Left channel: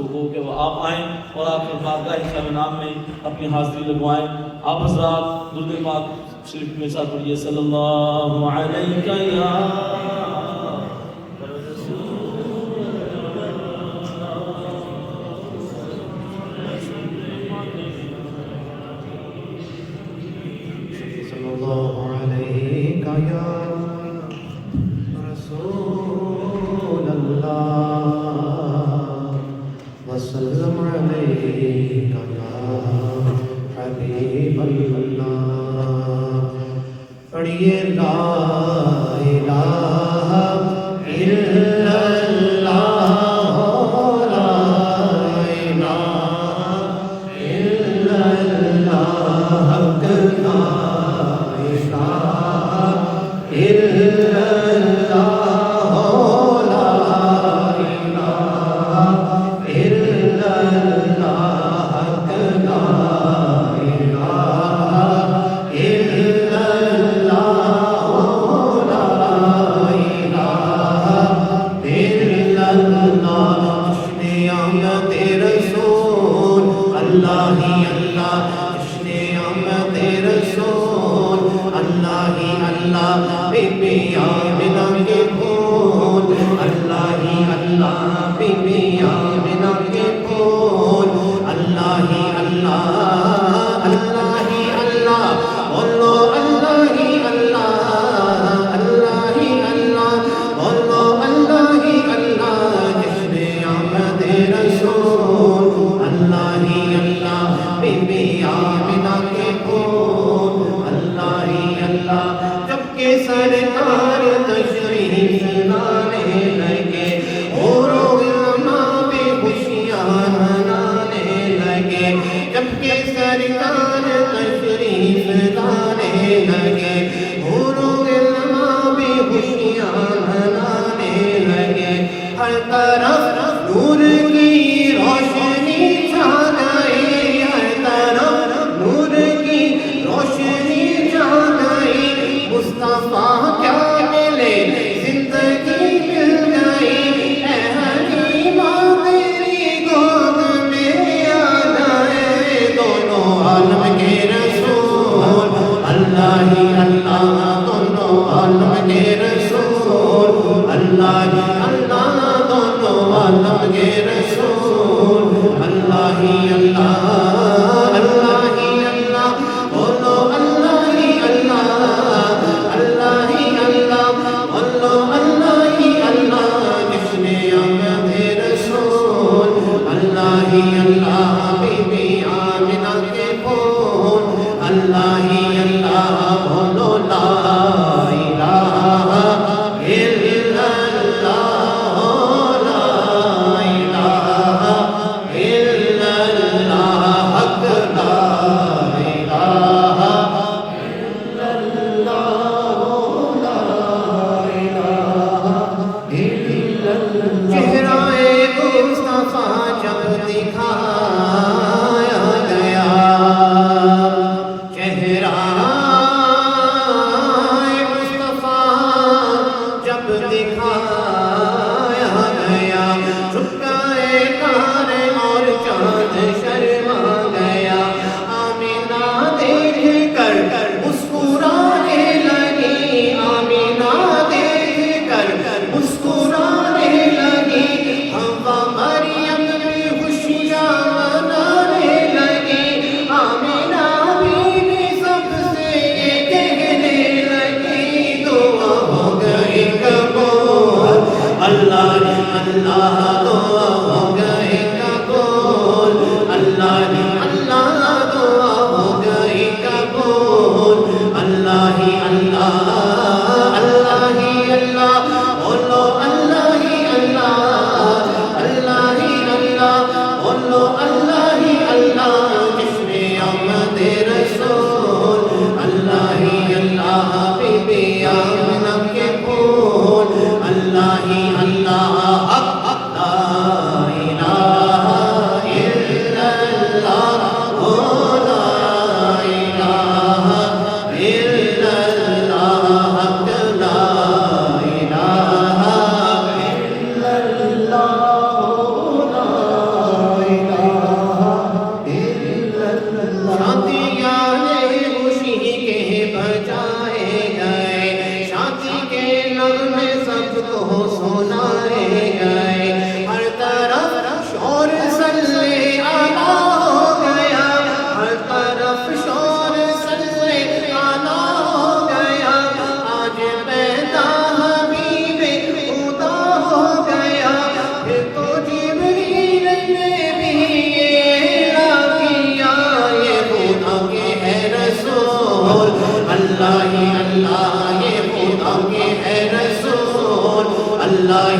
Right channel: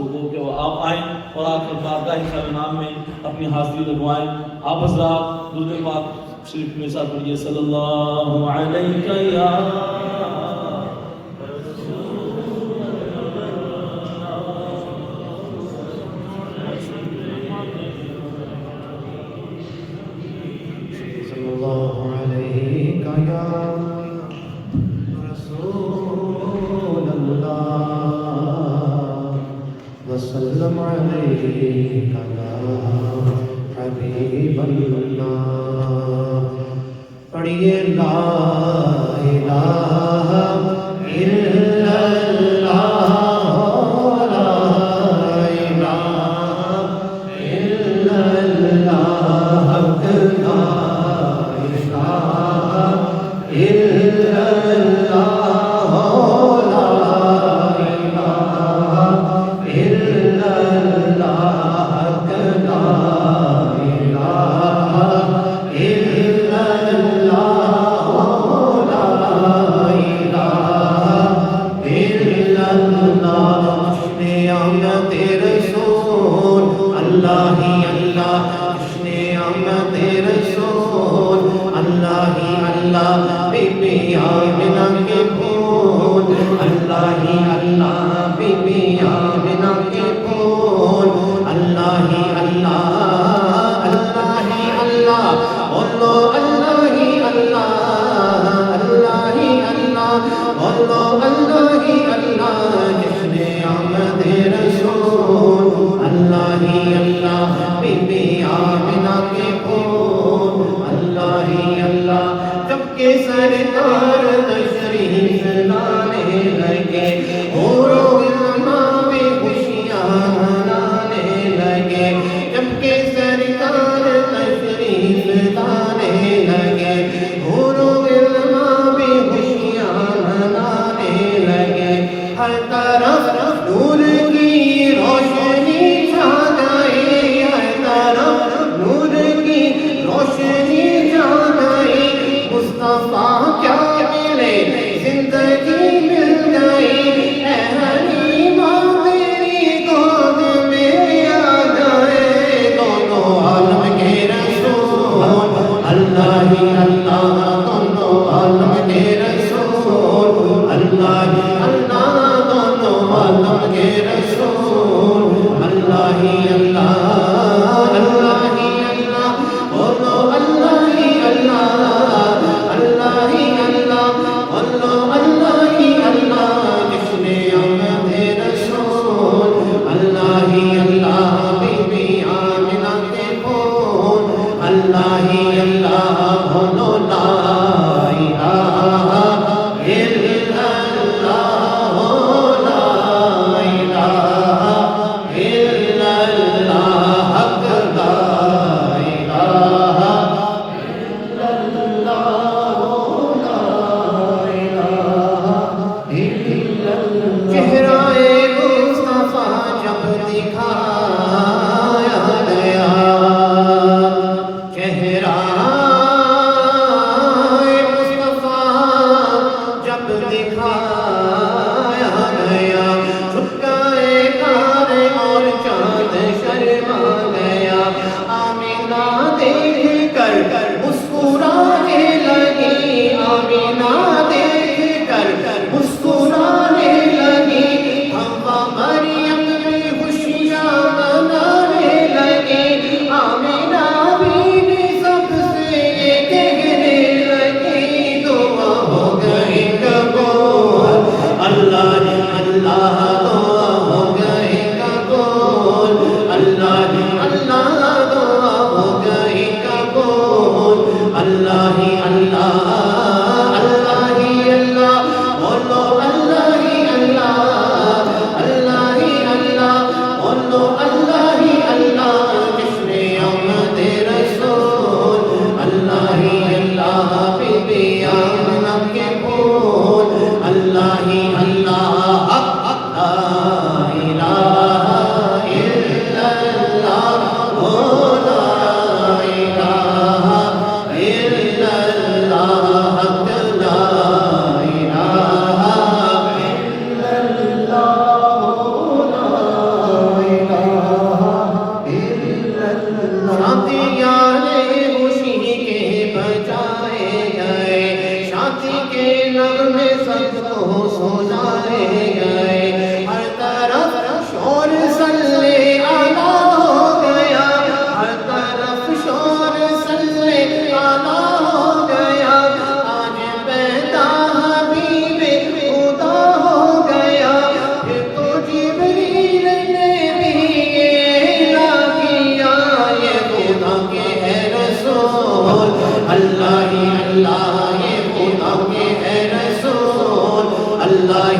تو ہو کہ وہ آپ آئیں اور آپ کے بارگاہ خیر نام میں اپنی حاضری لگوائیں. آپ حضرات درود پاک شریف کے ساتھ پڑھیے صلی اللہ علیہ یا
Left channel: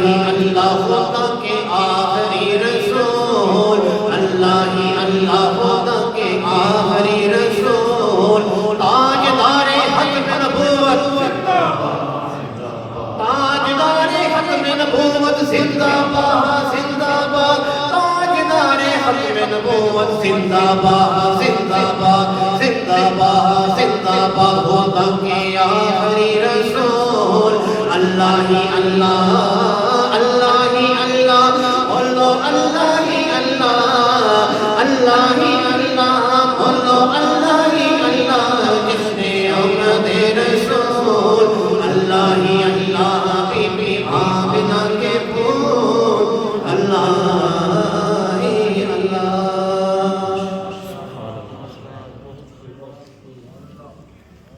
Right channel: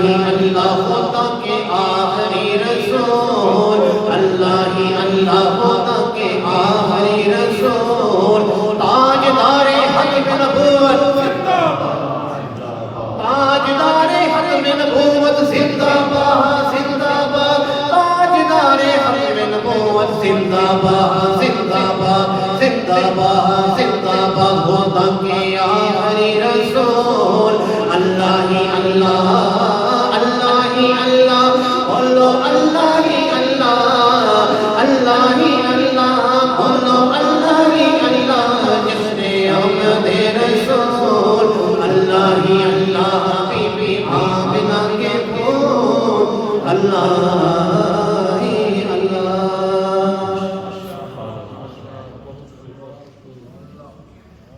ہی اللہ خدا کے آخری رسول، اللہ ہی اللہ خدا کے آخری رسول، تاجدار ختم نبوت، تاجدار ختم نبوت زندہ باد زندہ باد، تاجدار ختم نبوت زندہ باد زندہ باد زندہ باد زندہ باد، خدا کے آخری رسول، اللہ ہی اللہ، اللہ ہی اللہ، بولو اللہ ہی اللہ، اللہ ہی اللہ، بولو اللہ ہی اللہ، جس نے آمد رسول، اللہ ہی اللہ، بی بی آمنہ کے پھول، اللہ ہی اللہ۔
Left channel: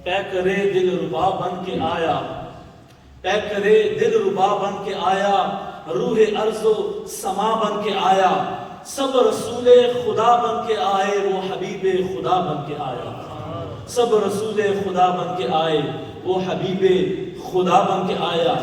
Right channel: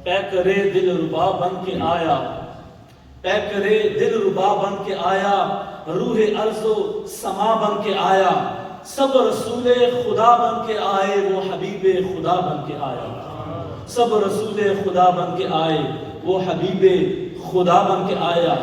پے کرے دل ربا بن کے آیا، پے کرے دل ربا بن کے آیا، روح ارض و سما بن کے آیا، سب رسول خدا بن کے آئے، وہ حبیب خدا بن کے آیا، سب رسول خدا بن کے آئے، وہ حبیب خدا بن کے آیا۔